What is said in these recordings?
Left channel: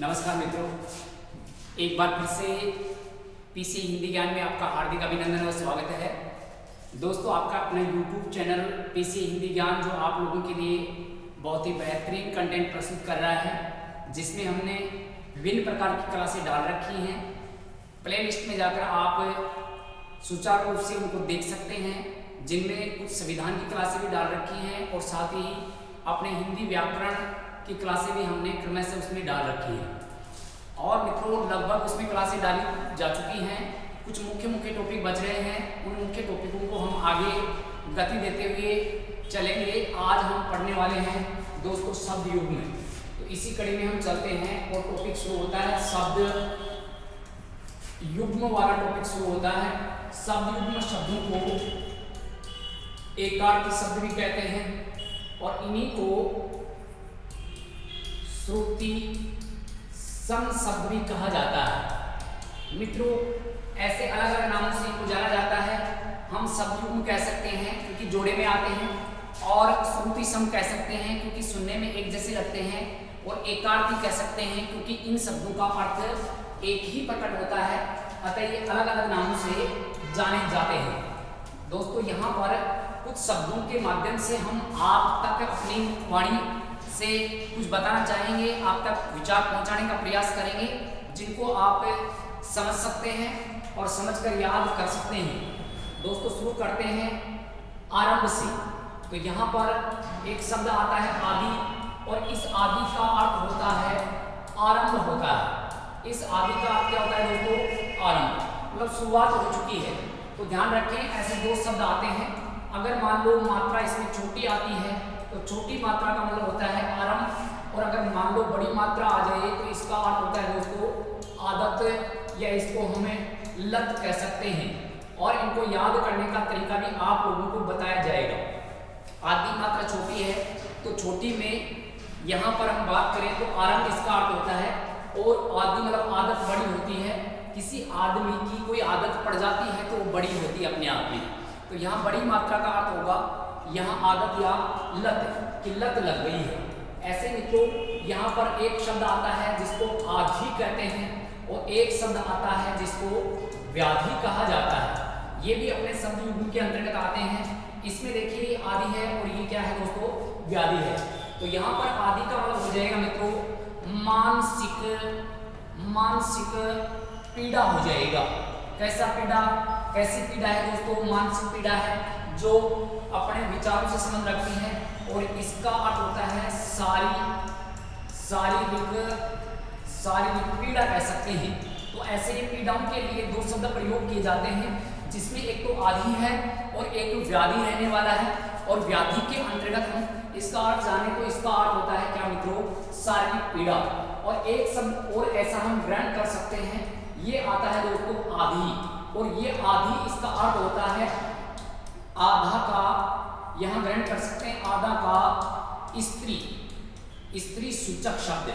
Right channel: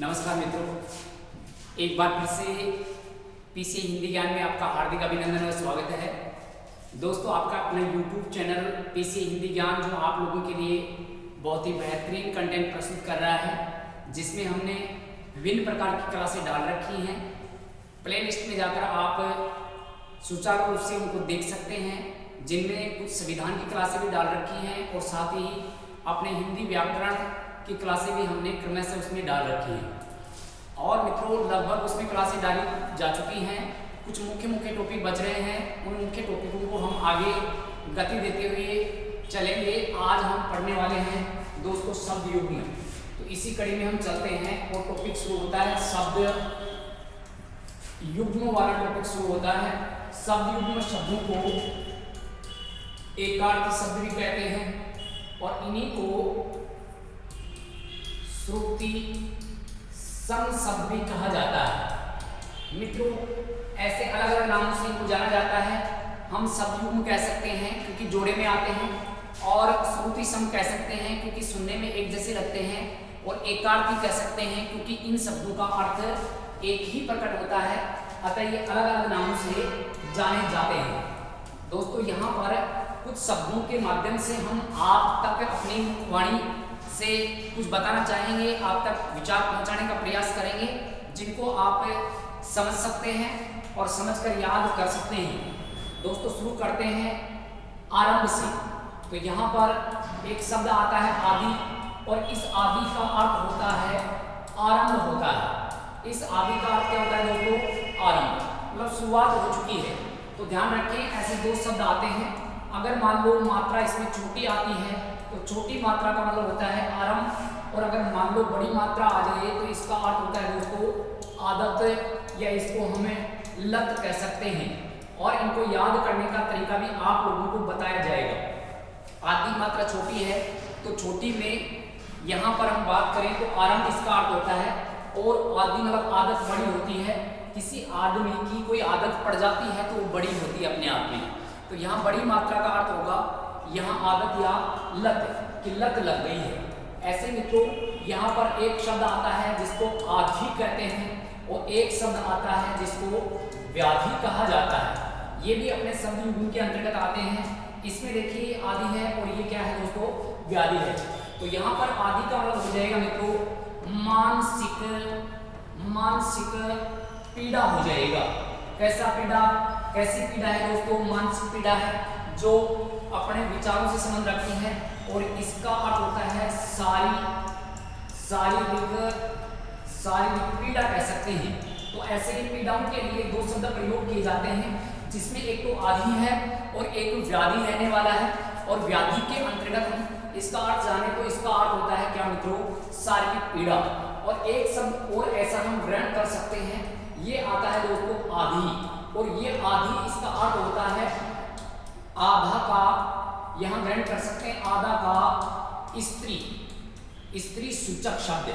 नमस्कार मित्रों, एक बार फिर से पीसी हिंदी ज्ञान में आपका हार्दिक अभिनंदन और स्वागत है। दोस्तों, आपका अपना YouTube चैनल पीसी हिंदी ज्ञान जो आप लोगों के लिए बहुत ही बेहतरीन कंटेंट प्रस्तुत कर रहा है, जिसमें हमने विभिन्न प्रकार की क्लासें डाल रखी हैं। प्लेलिस्ट में जाकर आप सुचारू रूप से उनको देख सकते हैं, जिनमें कुछ संविधान की क्लासें भी डाल रखी हैं और साथ ही अपने हिंदी व्याकरण की क्लासें भी हमने क्रमशः उसमें डाल रखी हैं। और मित्रों, लगभग उसमें क्लासें डाली जा चुकी हैं। कुछ मुख्य टॉपिक बच रहे हैं, उन मुख्य टॉपिकों को हम आगे गति देते हुए चलेंगे। आज हम पढ़ने वाले हैं दोस्तों शब्द युग्म। तो इसी कड़ी में हम चलते हैं और टॉपिक शुरू होता है शब्द युग्म वाला टॉपिक शुरू होता है। शब्द युग्म शब्दों को एकार्थी शब्द भी कहते हैं और इन्हीं को श्रुति सम शब्द भी कहा जाता है। मित्रों, ऐसे अलग अलग नामों से इनको जाना जाता है। हम शब्द युग्म कह सकते हैं क्योंकि जोड़े में आते हैं, और श्रुति सम कह सकते हैं क्योंकि सुनने में एक जैसे लगते हैं, और एकार्थी कह सकते हैं क्योंकि इन शब्दों का अर्थ एक ही प्रकट होता है। अतः ये अलग अलग नामों से जाने जाते हैं। दोस्तों, यहाँ पर कुछ शब्दों के माध्यम से हम आप तक अपनी वाणी से कुछ बताना चाहेंगे, आप तक विचार पहुंचाने का प्रयास करेंगे, जिनको आप समझ सकते हैं और समझकर याद कर सकते हैं। दोस्तों, शुरू करते हैं आरंभ से। तो यहाँ पर एक शब्द आता है आदि, और इस आदि का अर्थ होता है आरंभ होता है। इस आदि का अर्थ क्या होता है दोस्तों? आरंभ, मतलब शुरुआत हो चुकी है। तो ध्यान रखें, ऐसे दो शब्द आते हैं। अगर मान लो मात्रा इसमें छोटी आती है तो छोटी मात्रा का मतलब होता है आरंभ, और अगर मान लो बड़ी मात्रा आ जाए तो इसका अर्थ होता है दोस्तों आदत, या इसको हमें लत कह सकते हैं। और इनको याद करने का तरीका भी आप लोगों को बताया जाएगा। आदि मात्रा छोटी है तो छोटी में यहाँ पर हम बात करें तो आरंभ इसका अर्थ होता है, और आदि मतलब आदत बड़ी होती है। किसी आदमी की कोई आदत पड़ जाती है तो वो बड़ी होती है अपने आप में। तो यहाँ बड़ी मात्रा का अर्थ होगा यहाँ आदत या लत, कि लत लग गई है। ऐसे मित्रों, यहाँ पर एक शब्द आता है जिसको आधि कहते हैं, और एक शब्द आता है जिसको व्याधि कहा जाता है। ये भी अपने शब्द युग्म के अंतर्गत आते हैं। इसमें देखिए आदि है और ये क्या है दोस्तों? व्याधि है। तो यहाँ पर आदि का मतलब हो जाएगा मित्रों मानसिक पीड़ा हो जाएगा। कैसा पीड़ा? कैसी पीड़ा है दोस्तों? मानसिक पीड़ा है जो अपने विचारों से संबंध रखती है, और इसका अर्थ होता है शारीरिक पीड़ा कह सकते हैं। तो ऐसे ही पीड़ाओं के लिए दो शब्द प्रयोग किए जाते हैं, जिसमें एक तो आदि है और एक व्याधि रहने वाला है। और व्याधि के अंतर्गत हम इसका अर्थ जाने तो इसका अर्थ होता है क्या मित्रों? शारीरिक पीड़ा। और एक शब्द और ऐसा हम ग्रहण कर सकते हैं, ये आता है दोस्तों आधि, और ये आधि इसका अर्थ होता है आधा का, यहाँ ग्रहण कर सकते हैं आधा का स्त्री सूचक शब्द,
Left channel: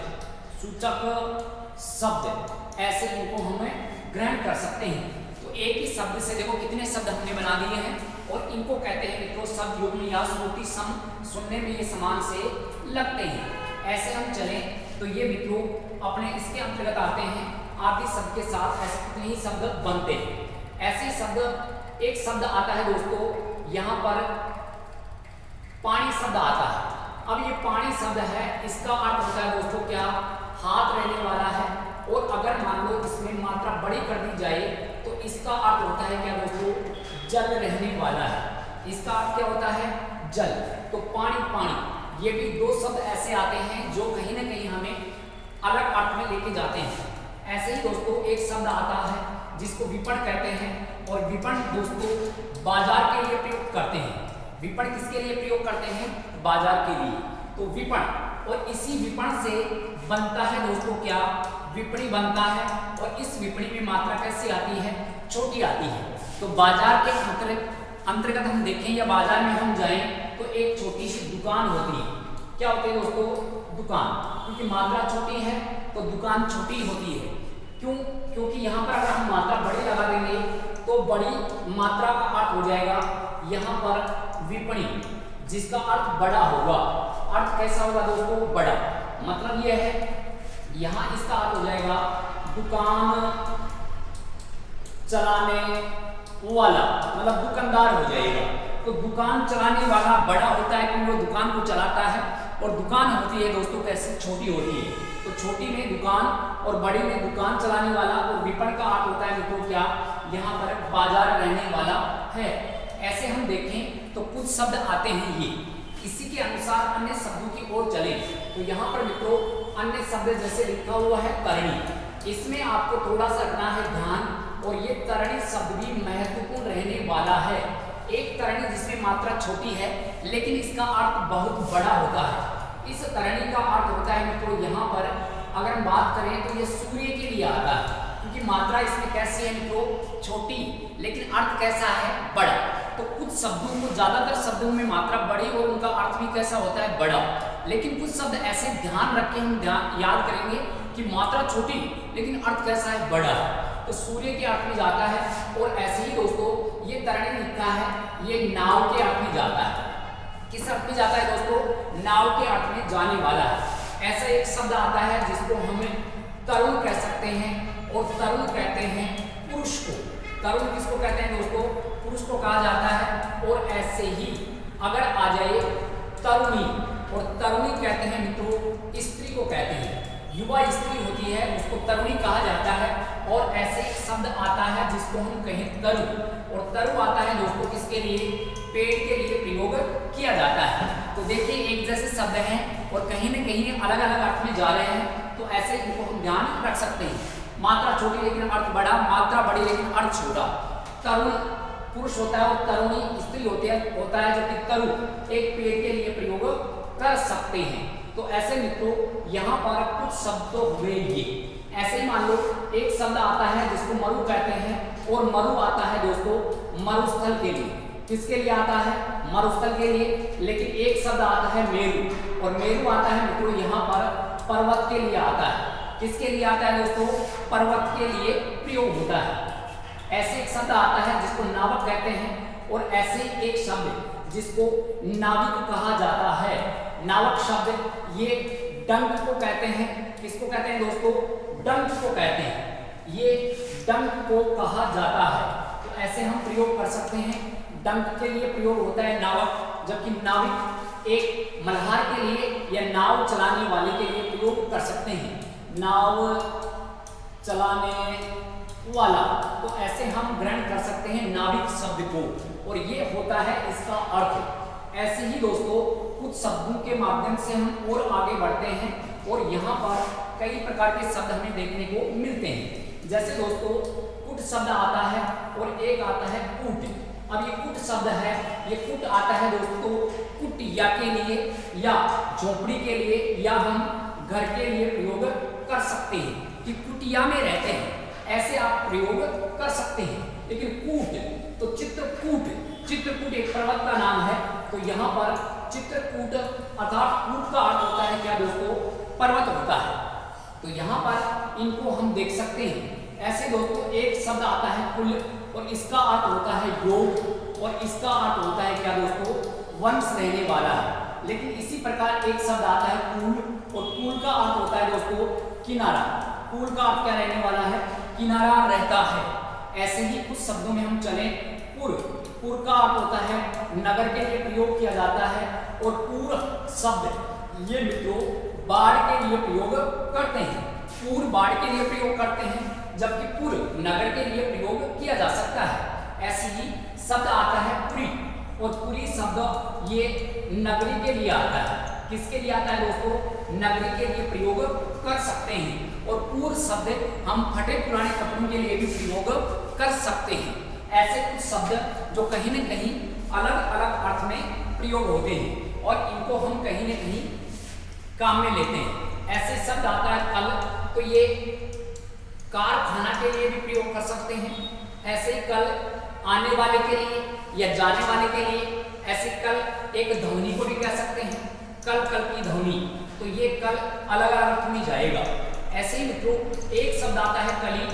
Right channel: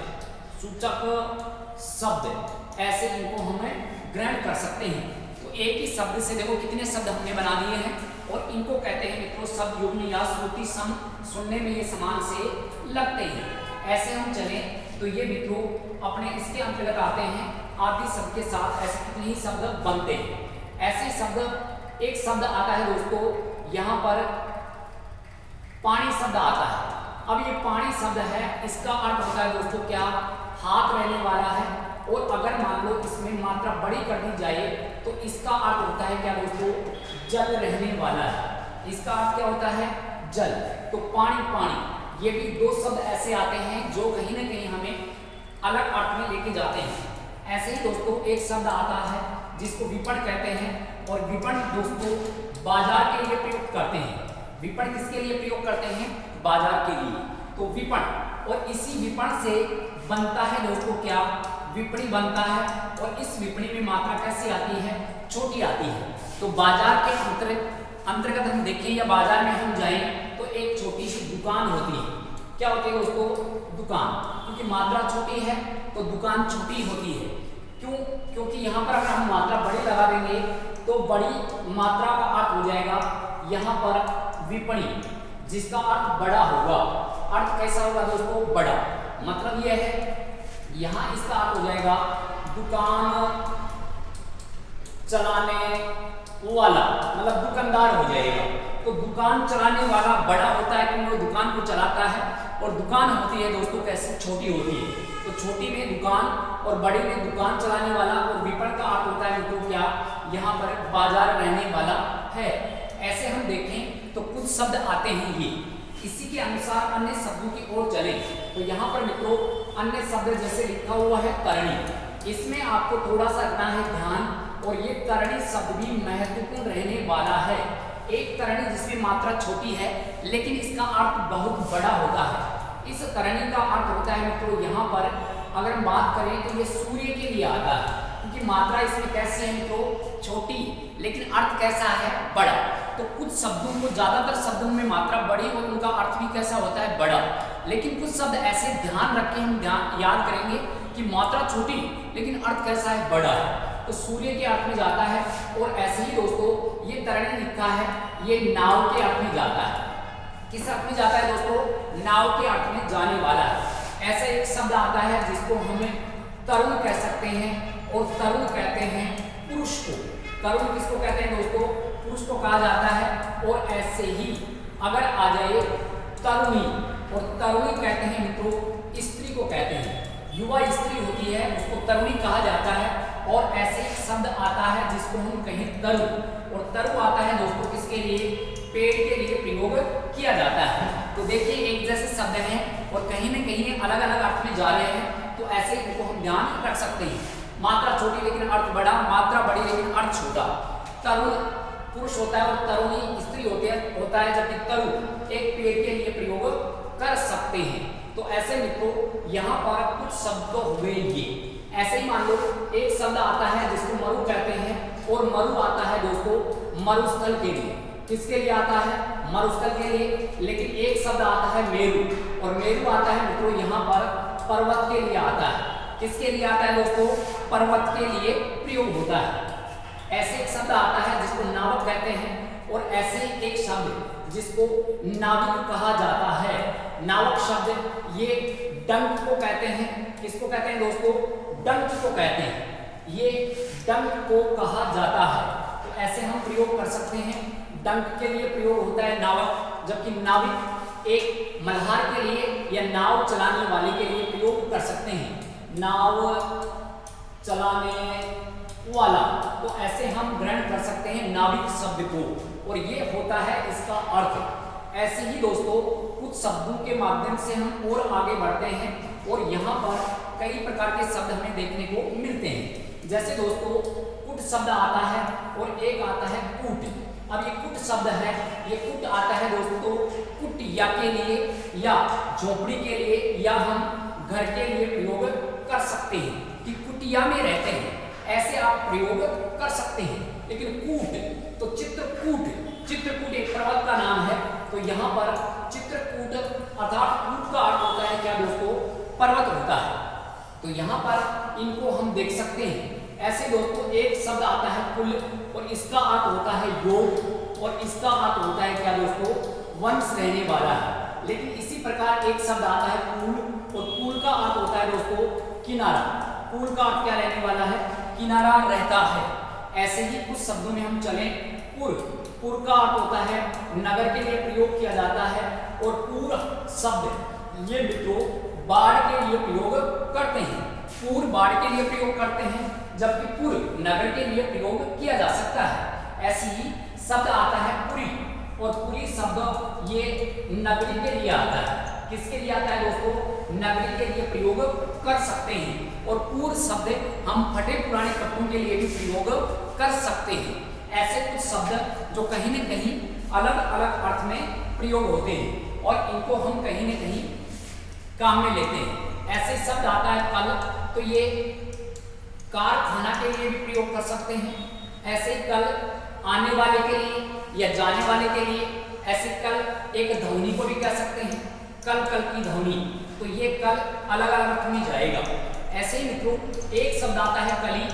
ऐसे इनको हमें ग्रहण कर सकते हैं। तो एक ही शब्द से देखो कितने शब्द हमने बना दिए हैं, और इनको कहते हैं मित्रों शब्द युग्म या श्रुति सम। सुनने में ये समान से लगते हैं। ऐसे हम चलें तो ये मित्रों अपने इसके अंतर्गत आते हैं। आदि शब्द के साथ ऐसे कितने ही शब्द बनते हैं। ऐसे शब्द, एक शब्द आता है दोस्तों यहाँ पर पानी शब्द आता है। अब ये पानी शब्द है, इसका अर्थ होता है दोस्तों क्या? हाथ रहने वाला है। और अगर मान लो इसमें मात्रा बड़ी कर दी जाए तो इसका अर्थ होता है क्या दोस्तों? जल रहने वाला है। इसका अर्थ क्या होता है? जल। तो पानी, ये भी दो शब्द ऐसे आते हैं जो कहीं ना कहीं हमें अलग अर्थ में लेके जाते हैं। ऐसे ही दोस्तों एक शब्द आता है जिसको विपण कहते हैं, और विपण दोस्तों बाजार के लिए प्रयोग करते हैं। विपण किसके लिए प्रयोग करते हैं? बाजार के लिए। तो विपण, और इसी विपण से बनता है दोस्तों क्या? विपणी बनता है। और इस विपणी में मात्रा कैसी आती है? छोटी आती है। तो बाजार के अंतर्गत हम देखें या बाजार में हम जाएं तो एक छोटी सी दुकान होती है। क्या होती है दोस्तों? दुकान। क्योंकि मात्रा छोटी है तो दुकान छोटी होती है। क्यों? क्योंकि यहाँ पर अगर हम मात्रा बड़ी लगा देंगे तो बड़ी मात्रा का अर्थ हो जाएगा यहाँ पर विपणी, जिसका अर्थ बड़ा होगा। अर्थ कैसा होगा दोस्तों? बड़ा। मतलब यह है यहाँ इसका अर्थ हो जाएगा दुकान चलाने वाला, मतलब दुकानदार हो जाएगा। तो दुकान चलाने वाला बड़ा होता है क्योंकि वो दुकान को चलाता है, और दुकान होती है दोस्तों कैसे, छोटी होती है। तो छोटी में दुकान और बड़ी में दुकान चलाने वाला। और विपणन का अर्थ होता है मित्रों क्या, यहाँ पर बाजार रहने वाला है। ऐसे हम देखें तो कुछ शब्द आते हैं ये। इसी के अनुसार अन्य शब्दों की ओर चले तो यहाँ पर मित्रों अन्य शब्द जैसे लिखा हुआ है तरणी, इसमें आपको थोड़ा सा रखना है ध्यान। और ये तरणी शब्द भी महत्वपूर्ण रहने वाला है। एक तरणी जिसमें मात्रा छोटी है लेकिन इसका अर्थ बहुत बड़ा होता है। इस तरणी का अर्थ होता है मित्रों यहाँ पर अगर हम बात करें तो ये सूर्य के लिए आता है, क्योंकि मात्रा इसमें कैसी है मित्रों, छोटी, लेकिन अर्थ कैसा है, बड़ा। तो कुछ शब्दों को, ज्यादातर शब्दों में मात्रा बड़ी और उनका अर्थ भी कैसा होता है, बड़ा। लेकिन कुछ शब्द ऐसे ध्यान रख के हम याद करेंगे कि मात्रा छोटी लेकिन अर्थ कैसा है, बड़ा है। तो सूर्य के अर्थ में जाता है। और ऐसे ही दोस्तों ये तरणी लिखा है, ये नाव के अर्थ में जाता है। किस अर्थ में जाता है दोस्तों, नाव के अर्थ में जाने वाला है। ऐसा एक शब्द आता है जिसको हम तरुण कह सकते हैं, और तरुण कहते हैं पुरुष को। तरुण किसको कहते हैं दोस्तों, पुरुष को कहा जाता है। और ऐसे ही अगर आ जाए तरुणी, और तरुणी कहते हैं मित्रों स्त्री को कहते हैं, युवा स्त्री होती है उसको तरुणी कहा जाता है। और ऐसे एक शब्द आता है जिसको हम कहें तरु, और तरु आता है दोस्तों किसके लिए, पेड़ के लिए प्रयोग किया जाता है। तो देखिए एक जैसे शब्द हैं और कहीं न कहीं अलग अलग अर्थ में जा रहे हैं, तो ऐसे इनको हम ध्यान रख सकते हैं। मात्रा छोटी लेकिन अर्थ बड़ा, मात्रा बड़ी लेकिन अर्थ छोटा। तरुण पुरुष होता है और तरुणी स्त्री होता है, जबकि तरु एक पेड़ के लिए प्रयोग कर सकते हैं। तो ऐसे मित्रों यहाँ पर कुछ शब्द हुए ये। ऐसे ही मान लो एक शब्द आता है जिसको मरु कहते हैं, और मरु आता है दोस्तों मरुस्थल के लिए। किसके लिए आता है, मरुस्थल के लिए। लेकिन एक शब्द आता है मेरु, और मेरु आता है मित्रों यहाँ पर पर्वत के लिए आता है। किसके लिए आता है दोस्तों, पर्वत के लिए प्रयोग होता है। ऐसे एक शब्द आता है जिसको नावक कहते हैं, और ऐसे एक शब्द जिसको नाविक कहा जाता है। नावक शब्द ये डंक को कहते हैं। किसको कहते हैं दोस्तों, डंक को कहते हैं, ये डंक को कहा जाता है। तो ऐसे हम प्रयोग कर सकते हैं। डंक के लिए प्रयोग होता है नावक, जबकि नाविक एक मल्हार के लिए या नाव चलाने वाले के लिए प्रयोग कर सकते हैं, नाव चलाने वाला। तो ऐसे हम ग्रहण कर सकते हैं नाविक शब्द को, और ये होता है इसका अर्थ। ऐसे ही दोस्तों कुछ शब्दों के माध्यम से हम और आगे बढ़ते हैं, और यहाँ पर कई प्रकार के शब्द हमें देखने को मिलते हैं। जैसे दोस्तों कुट शब्द आता है, और एक आता है कूट। अब ये कुट शब्द है, ये कुट आता है दोस्तों कुटिया के लिए या झोपड़ी के लिए, या हम घर के लिए प्रयोग कर सकते हैं कि कुटिया में रहते हैं, ऐसे आप प्रयोग कर सकते हैं। लेकिन कूट तो चित्रकूट, चित्रकूट एक पर्वत का नाम है। तो यहाँ पर चित्रकूट अर्थात कूट का अर्थ होता है क्या दोस्तों, पर्वत होता है। तो यहाँ पर इनको हम देख सकते हैं। ऐसे दोस्तों एक शब्द आता है कुल, और इसका अर्थ होता है योग, और इसका अर्थ होता है क्या दोस्तों, वंश रहने वाला है। लेकिन इसी प्रकार एक शब्द आता है कूल, और कूल का अर्थ होता है दोस्तों किनारा। कूल का अर्थ क्या रहने वाला है, किनारा रहता है। ऐसे ही कुछ शब्दों में हम चलें, पुर, पुर का अर्थ होता है नगर के लिए प्रयोग किया जाता है। और पूर शब्द ये मित्रों बाढ़ के लिए प्रयोग करते हैं, पूर बाढ़ के लिए प्रयोग करते हैं, जबकि पुर नगर के लिए प्रयोग किया जा सकता है। ऐसे ही शब्द आता है पुरी, और पुरी शब्द ये नगरी के लिए आता है। किसके लिए आता है दोस्तों, नगरी के लिए प्रयोग कर सकते हैं। और पूर शब्द हम फटे पुराने कपड़ों के लिए भी प्रयोग कर सकते हैं। ऐसे कुछ शब्द जो कहीं न कहीं अलग अलग अर्थ में प्रयोग होते हैं, और इनको हम कहीं न कहीं काम में लेते हैं। ऐसे शब्द आता है कल, तो ये कारखाना के लिए भी प्रयोग कर सकते हैं। ऐसे ही कल आने वाले के लिए या जाने वाले के लिए। ऐसे कल एक ध्वनि को भी कह सकते हैं, कल कल की ध्वनि। तो ये कल अलग अलग अर्थ में जाएगा। ऐसे ही मित्रों एक शब्द आता है कली,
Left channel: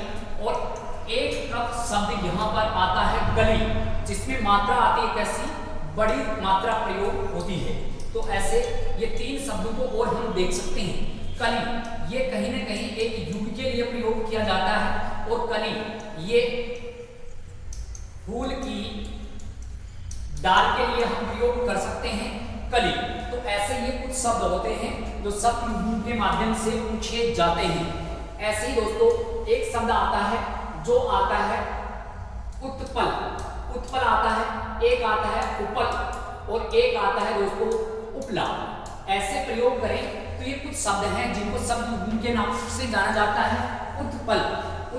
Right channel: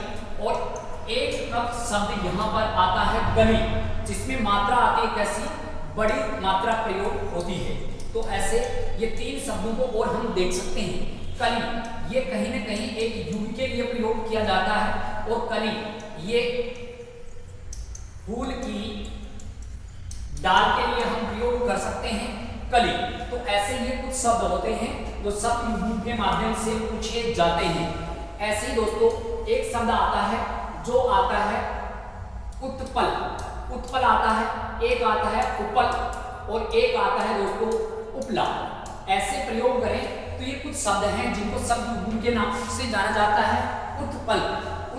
और एक शब्द यहाँ पर आता है गली, जिसमें मात्रा आती है कैसी, बड़ी मात्रा प्रयोग होती है। तो ऐसे ये तीन शब्दों को और हम देख सकते हैं। कली ये कहीं न कहीं एक युग के लिए प्रयोग किया जाता है, और कली ये फूल की डाल के लिए हम प्रयोग कर सकते हैं कली। तो ऐसे ये कुछ शब्द होते हैं जो शब्द युग्म के माध्यम से पूछे जाते हैं। ऐसे ही दोस्तों एक शब्द आता है जो आता है उत्पल, उत्पल आता है, एक आता है उपल, और एक आता है दोस्तों उपला। ऐसे प्रयोग करें तो ये कुछ शब्द हैं जिनको शब्द युग्म के नाम से जाना जाता है। उत्पल,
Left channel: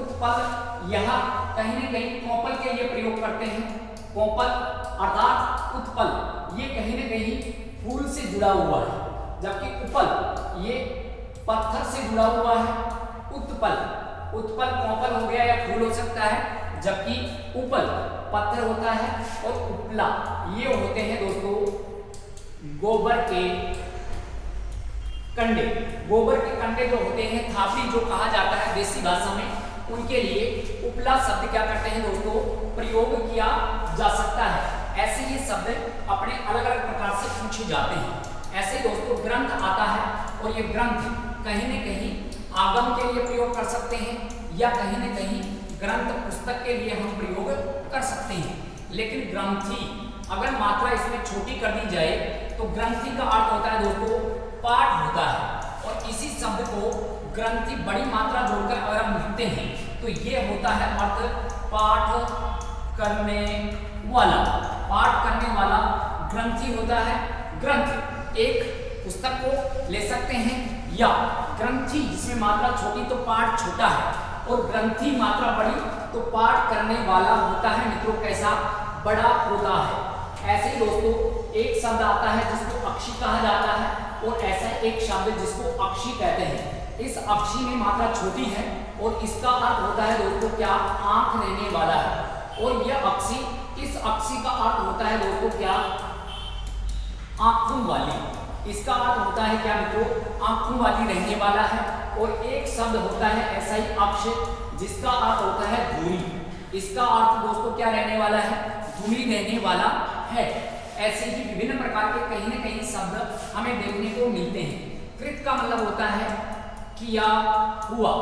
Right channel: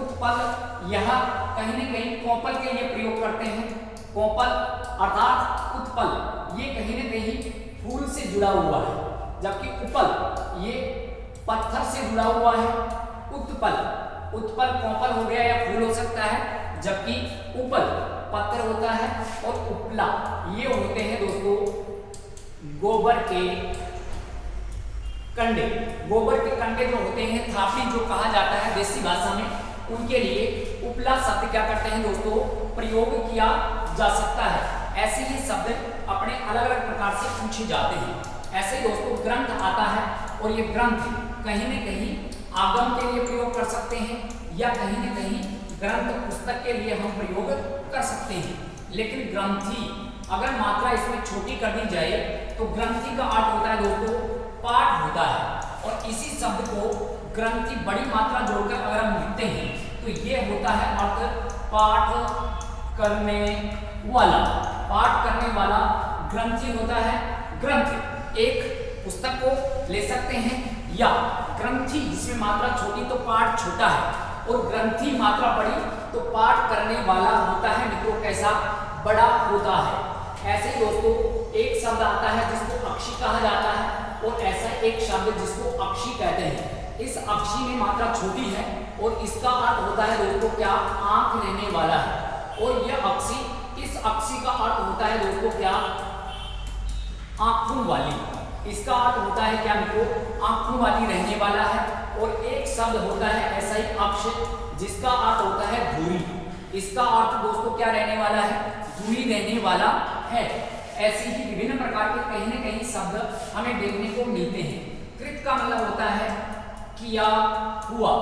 उत्पल यहाँ कहीं न कहीं कोपल के लिए प्रयोग करते हैं। कोपल अर्थात उत्पल ये कहीं न कहीं फूल से जुड़ा हुआ है, जबकि उपल ये पत्थर से जुड़ा हुआ है। उत्पल, उत्पल कोपल हो गया या फूल हो सकता है, जबकि उपल पत्थर होता है, और उपला ये होते हैं दोस्तों गोबर के कंडे। गोबर के कंडे जो होते हैं, थापड़ी जो कहा जाता है देसी भाषा में, उनके लिए उपला शब्द क्या करते हैं दोस्तों प्रयोग किया जा सकता है। ऐसे ही शब्द अपने अलग अलग प्रकार से पूछे जाते हैं। ऐसे दोस्तों ग्रंथ आता है, और ये ग्रंथ कहीं न कहीं आगम के लिए प्रयोग कर सकते हैं, या कहीं न कहीं ग्रंथ पुस्तक के लिए हम प्रयोग कर सकते हैं। लेकिन ग्रंथि अगर मात्रा इसमें छोटी कर दी जाए तो ग्रंथि का अर्थ होता है दोस्तों पाठ होता है, और इसी शब्द को ग्रंथि बड़ी मात्रा जोड़कर अगर हम लिखते हैं तो ये होता है अर्थ पाठ करने वाला। पाठ करने वाला ग्रंथि होता है। ग्रंथ एक पुस्तक को ले सकते हैं, या ग्रंथि जिसमें मात्रा छोटी तो पाठ छोटा है, और ग्रंथि मात्रा बड़ी तो पाठ करने वाला होता है मित्रों कैसा बड़ा होता है। ऐसे ही दोस्तों एक शब्द आता है जिसको अक्षी कहा जाता है, और ऐसा एक शब्द जिसको अक्षी कहते हैं। इस अक्षी में मात्रा छोटी है, और इसका अर्थ होता है दोस्तों क्या आंख रहने वाला है, और यह अक्षी, इस अक्षी का अर्थ होता है दोस्तों क्या आंखों वाली। इसका अर्थ होता है क्या मित्रों आंखों वाली रहने वाला है। और एक शब्द होता है ऐसा ही अक्ष जिसका अर्थ होता है धूरी। इसका अर्थ दोस्तों क्या रहने वाला है धूरी रहने वाला है। ऐसे ही विभिन्न प्रकार के कहीं न कहीं शब्द हमें देखने को मिलते हैं। कृत का मतलब होता है किया हुआ,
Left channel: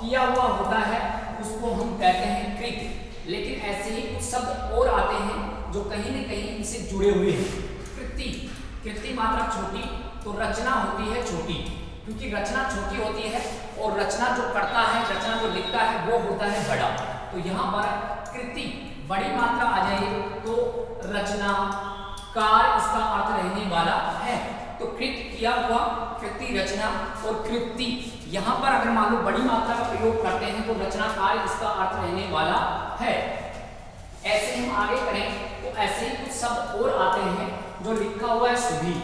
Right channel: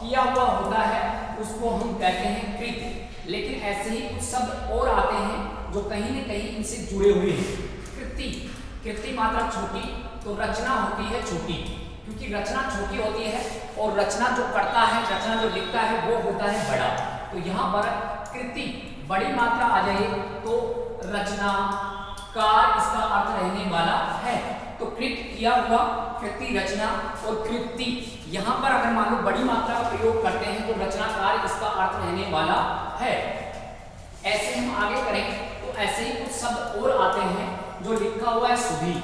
किया हुआ होता है उसको हम कहते हैं कृत। लेकिन ऐसे ही कुछ शब्द और आते हैं जो कहीं न कहीं इनसे जुड़े हुए हैं। कृति, कृति मात्रा छोटी तो रचना होती है छोटी, क्योंकि रचना छोटी होती है और रचना जो करता है, रचना जो लिखता है वो होता है बड़ा। तो यहाँ पर कृति बड़ी मात्रा आ जाए तो रचना कार इसका अर्थ रहने वाला है। तो कृत किया हुआ, कृति रचना, और कृति यहाँ पर अगर मान लो बड़ी मात्रा का प्रयोग करते हैं तो रचनाकार इसका अर्थ रहने वाला है। ऐसे हम आगे करें तो ऐसे ही कुछ शब्द और आते हैं जो लिखा हुआ है सुधी,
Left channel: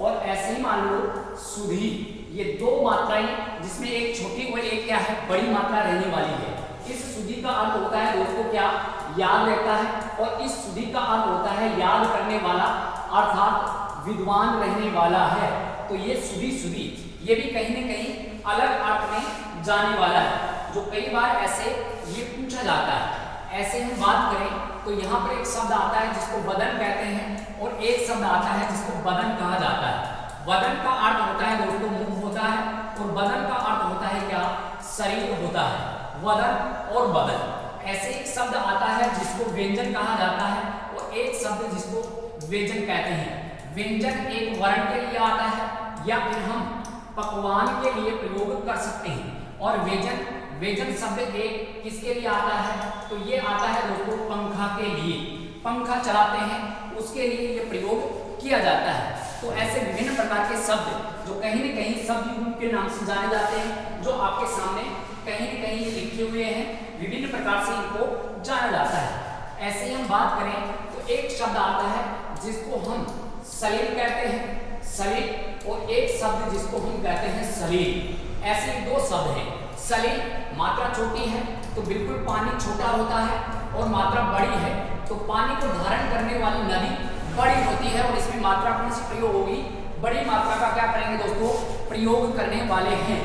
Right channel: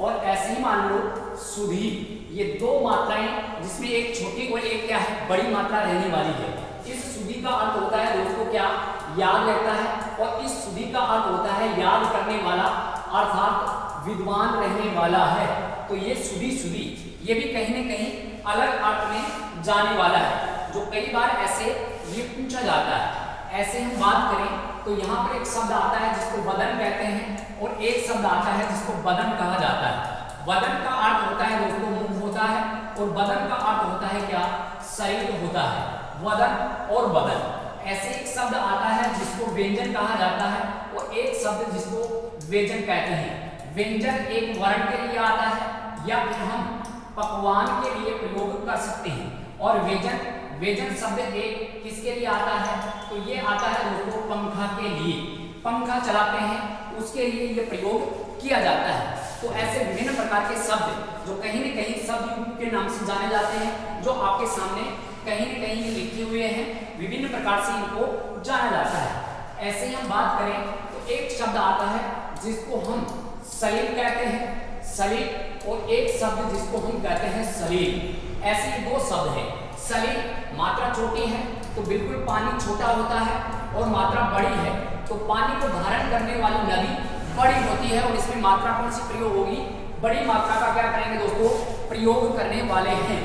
और ऐसे ही मान लो सुधी, ये दो मात्राएं जिसमें एक छोटी और एक क्या है बड़ी मात्रा रहने वाली है। इस सुधी का अर्थ होता है दोस्तों क्या याद रहता है, और इस सुधी का अर्थ होता है याद करने वाला अर्थात विद्वान रहने वाला है। तो ये सुधी सुधी ये भी कहीं न कहीं अलग अर्थ में जाने वाला है, जो कई बार ऐसे ये पूछा जाता है। ऐसे हम बात करें तो यहाँ पर एक शब्द आता है जिसको वदन कहते हैं, और एक शब्द आता है जिसको बदन कहा जाता है। वदन का अर्थ होता है दोस्तों मुख होता है, और बदन का अर्थ होता है क्या शरीर होता है। वदन और बदन, ऐसे एक शब्द आता है जिसको व्यंजन कहा जाता है, और एक शब्द जिसको व्यंजन कहते हैं। व्यंजन एक वर्ण के लिए आता है, या फिर हम पकवान के लिए प्रयोग कर सकते हैं। और व्यंजन, व्यंजन शब्द एक किसके लिए आता है तो ये आता है दोस्तों पंखा के लिए। पंखा चलाते हैं उसके लिए ये प्रयोग किया जाता है। तो ऐसे विभिन्न प्रकार के शब्द जो कहीं न कहीं शब्द युग्म के नाम से जाने जाते हैं, जो आपके सामने कहीं न कहीं लिखे हुए हैं, विभिन्न प्रकार से इनको जाना जाता है। ऐसे ही हम बात करें तो एक शब्द आता है जिसको हम सलील कहते हैं, सलील, और एक शब्द जिसको हम कहते हैं सलील। ऐसे ही दो शब्द हैं। सलील मात्रा छोटी है तो बिल्कुल पानी छोटा होता है, और मात्रा बड़ी है तो पानी को धारण करने वाली नदी बड़ी होती है, और इसमें मात्रा कौन सी प्रयोग होगी बड़ी मात्रा का क्या करेंगे दोस्तों प्रयोग करने वाले हैं।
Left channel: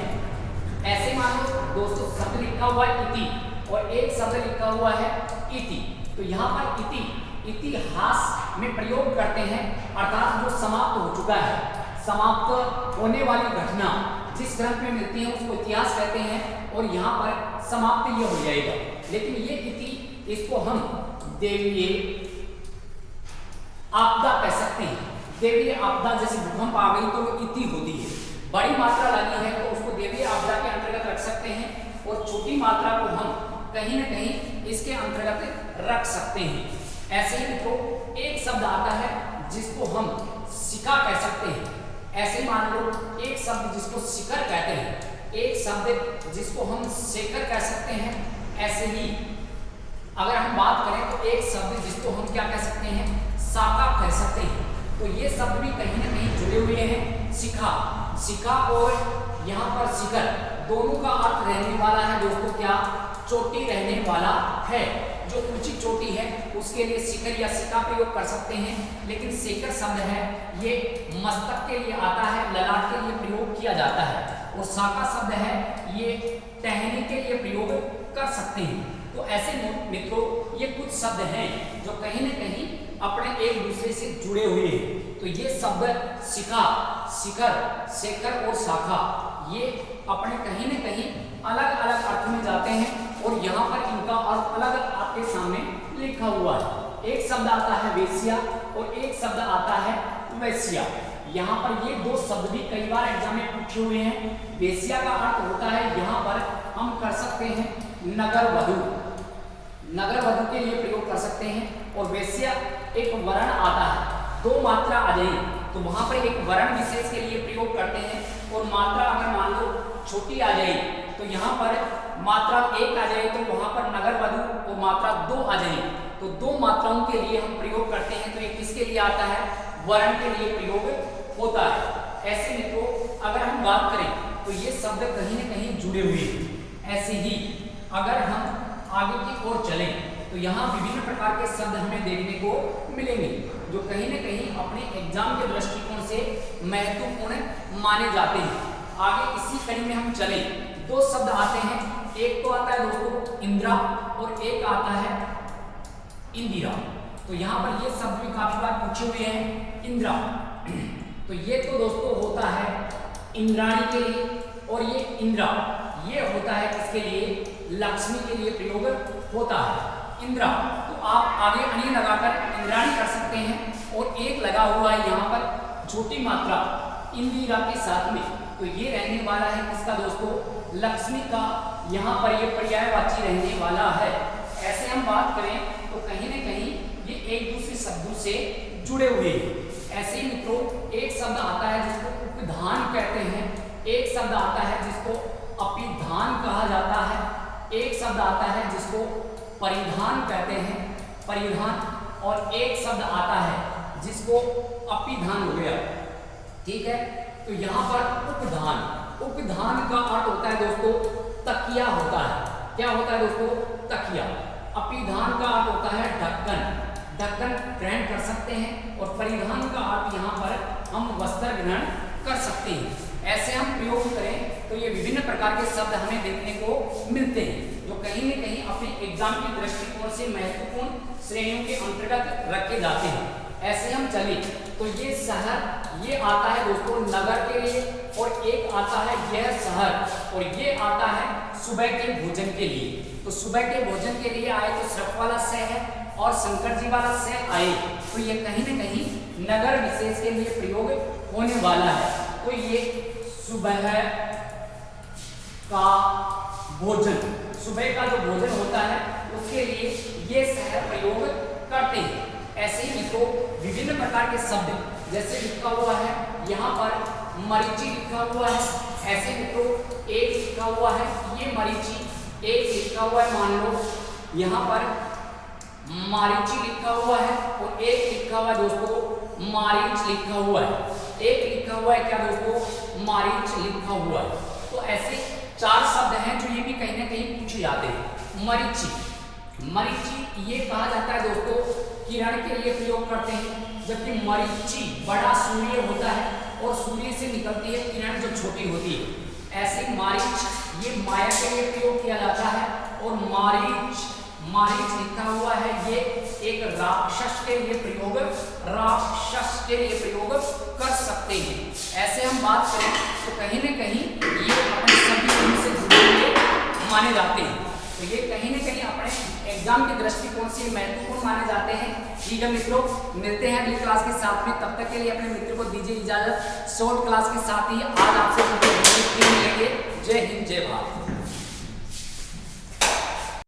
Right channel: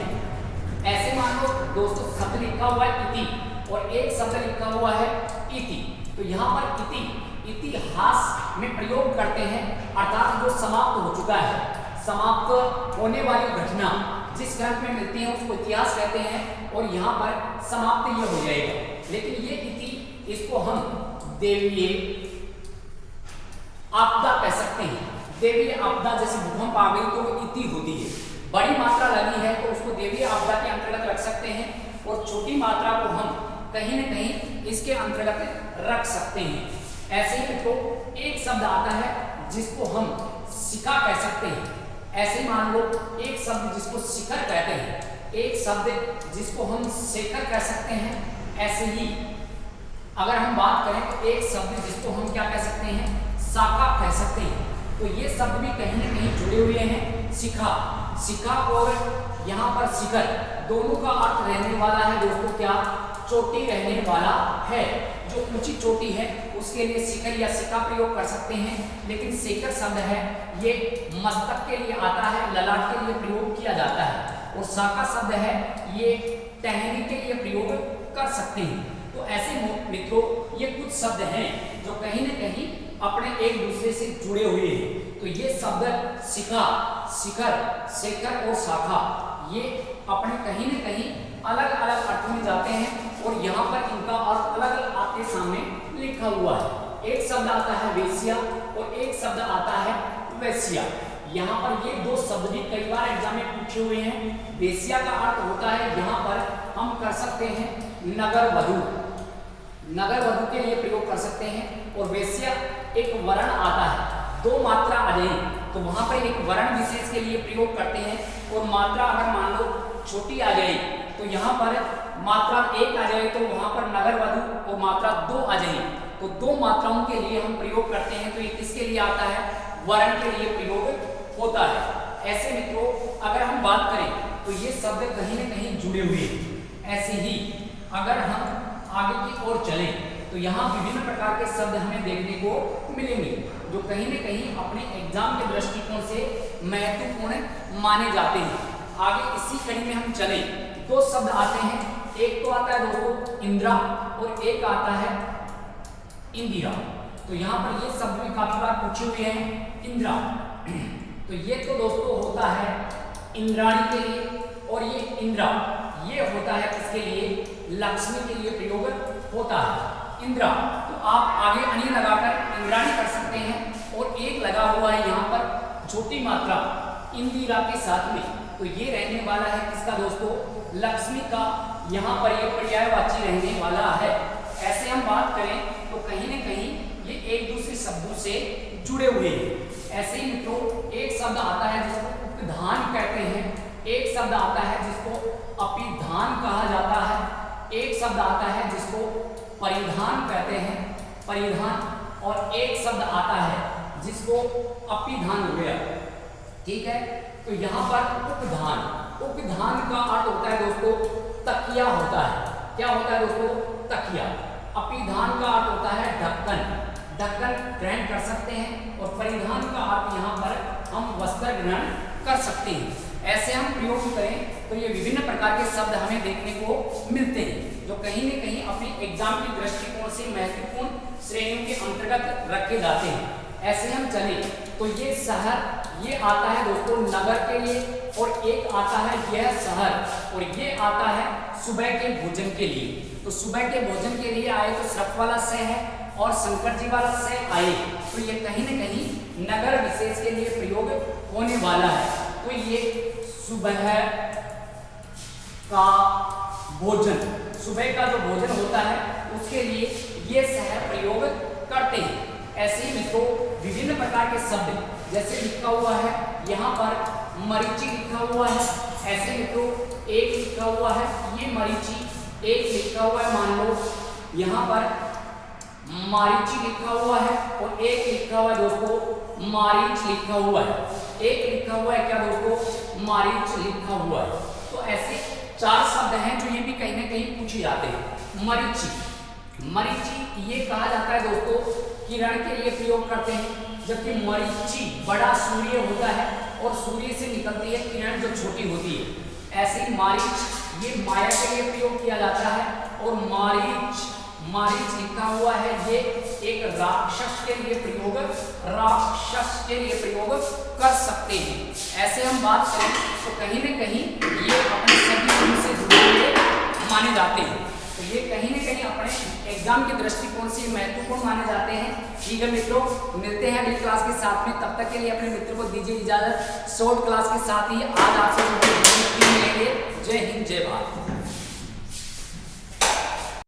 ऐसे मान लो दोस्तों शब्द लिखा हुआ है इति, और एक शब्द लिखा हुआ है इति। तो यहाँ पर इति इतिहास में प्रयोग करते हैं, अर्थात जो समाप्त हो चुका है, समाप्त होने वाली घटना जिस ग्रंथ में मिलती हैं उसको इतिहास कहते हैं और यहाँ पर समाप्त ये हो जाएगा। लेकिन ये इति, इसको हम देवीय आपदा कह सकते हैं। देवीय आपदा जैसे भूकंप आ गई तो इति होती है, बड़ी मात्रा लगी है तो उसको देवीय आपदा के अंतर्गत रख सकते हैं और छोटी मात्रा को हम कहीं न कहीं इसके अंतर्गत रख सकते हैं। ऐसे ही मित्रों एक शब्द आता है जिसको हम शिखा कह सकते हैं। ऐसे ही मान लो एक शब्द जिसको शिखर कहते हैं, एक शब्द जिसको हम शेखर कह सकते हैं। ऐसे ही अगर हम बात करें तो एक शब्द जिसको हम क्या कह सकते हैं, शाखा कह सकते हैं। तो ये शब्द भी कहीं न कहीं जुड़े हुए हैं। शिखा, शिखा और यहाँ पर शिखर दोनों का अर्थ रहने वाला है दोस्तों क्या, चोटी रहने वाला है। जो ऊंची चोटी है उसके लिए शिखर या शिखा प्रयोग कर सकते हैं। लेकिन शेखर शब्द है ये मस्तक के लिए आता है, ललाट के लिए प्रयोग किया जाता है। और शाखा शब्द है ये टहनी के लिए प्रयोग कर सकते हैं। तो ऐसे मित्रों ये कुछ शब्द हैं जो कहीं न कहीं अपने एक दूसरे से जुड़े हुए हैं। तो ये शब्द शिखा, शिखर, शेखर और शाखा ये अपने कहीं न कहीं अलग अलग अर्थ में जाते हैं और यहाँ पर इनका अर्थ अलग अलग आपके सामने लिखा हुआ है। एक शब्द आता है वेश्या और एक शब्द आता है वैश्या। यहाँ पर ये दो शब्द भी कई बार एग्जाम में पूछे हुए हैं। वेश्या का अर्थ होता है यहाँ पर हम कर सकते हैं नगर वधू, नगर वधू के लिए प्रयोग कर सकते हैं। और वैश्या एक वर्ण आता है, दो मात्रा आ जाए तो वहां पर एक वर्ण विशेष के लिए प्रयोग करते हैं। और मात्रा अगर मान लो छोटी आ जाए तो यहाँ पर मात्रा एक आ जाए तो वहां पर नगर वधू और मात्रा दो आ जाए तो दो मात्राओं के लिए हम प्रयोग करते हैं। तो ये किसके लिए आता है, वर्ण के लिए प्रयोग होता है। ऐसे मित्रों अगर हम बात करें तो ये शब्द कहीं न कहीं जुड़े हुए हैं। ऐसे ही अगर हम आगे की ओर चलें तो यहाँ विभिन्न प्रकार के शब्द हमें देखने को मिलेंगे जो कहीं न कहीं अपने एग्जाम के दृष्टिकोण से महत्वपूर्ण माने जाते हैं। आगे इसी कड़ी में हम चलें, दो शब्द आते हैं, एक तो आता है दोस्तों इंदिरा और एक आता है इंदिरा। तो यहाँ पर ये शब्द भी काफी बार पूछे हुए हैं, इंदिरा। तो ये तो दोस्तों होता है इंद्राणी के लिए और ये इंदिरा ये होता है किसके लिए, लक्ष्मी के लिए प्रयोग होता है इंदिरा। तो आप आगे अनि लगाकर इंद्राणी कर सकते हैं और एक लगा हुआ है यहाँ पर छोटी मात्रा इंदिरा के साथ में। तो ये रहने वाला है किसका दोस्तों, लक्ष्मी का। यहाँ पर ये पर्यायवाची रहने वाला है। ऐसे हम बात करें तो कहीं न कहीं ये एक दूसरे शब्दों से जुड़े हुए हैं। ऐसे ही मित्रों एक शब्द आता है जिसको उपधान कहते हैं, एक शब्द आता है जिसको अपिधान कहा जाता है, एक शब्द आता है जिसको परिधान कहते हैं, परिधान, और एक शब्द आता है जिसको अपिधान हो गया। ठीक है, तो यहाँ पर उपधान, उपधान का अर्थ होता है दोस्तों तकिया होता है। क्या होता है दोस्तों, तकिया। अपिधान का अर्थ होता है ढक्कन, ढक्कन ग्रहण कर सकते हैं। और परिधान का अर्थ यहाँ पर हम वस्त्र ग्रहण कर सकते हैं। ऐसे हम प्रयोग करें तो ये विभिन्न प्रकार के शब्द हमें देखने को मिलते हैं जो कहीं न कहीं अपने एग्जाम की दृष्टिकोण से महत्वपूर्ण श्रेणियों के अंतर्गत रखे जाते हैं। ऐसे हम चले तो ये शहर ये आता है दोस्तों नगर के लिए और एक आता है यह शहर और ये आता है सुबह के भोजन के लिए। तो सुबह के भोजन के लिए आए तो श्रप वाला स है और शंकर जी वाला स आए तो ये कहीं न कहीं नगर विशेष के लिए प्रयोग होने वाला है। तो ये सुबह का भोजन, सुबह का जो भोजन होता है उसके लिए ये शहर प्रयोग करते हैं। ऐसे ही मित्रों विभिन्न प्रकार के शब्द जैसे लिखा हुआ है यहाँ पर मरीची लिखा हुआ है। ऐसे मित्रों एक लिखा हुआ है ये मरीची, एक लिखा हुआ है मान लो यहाँ पर मारीची लिखा हुआ है और एक लिखा हुआ है दोस्तों मारीच लिखा हुआ है, एक लिखा हुआ है क्या दोस्तों मारीच लिखा हुआ है। तो ऐसे चार शब्द हैं जो ये भी कहीं ना कहीं पूछे जाते हैं। मरीची, मरीची ये कहा जाता है दोस्तों किरण के लिए प्रयोग करते हैं, जबकि मरीची बड़ा सूर्य होता है और सूर्य से निकलती है किरण जो छोटी होती है। ऐसे मारीच ये माया के लिए प्रयोग किया जाता है और मारीच, मारीच लिखा हुआ है ये एक राक्षस के लिए प्रयोग, राक्षस के लिए प्रयोग कर सकते हैं। ऐसे हम बात करें तो कहीं न कहीं ये अपने सभी उनसे जुड़े हुए माने जाते हैं। तो ये कहीं न कहीं अपने एग्जाम के दृष्टिकोण से महत्वपूर्ण माने जाते हैं। ठीक है मित्रों, मिलते हैं अगली क्लास के साथ में, तब तक के लिए अपने मित्र को दीजिए इजाजत। शॉर्ट क्लास के साथ ही आज आपसे मिलेंगे। जय हिंद, जय भारत।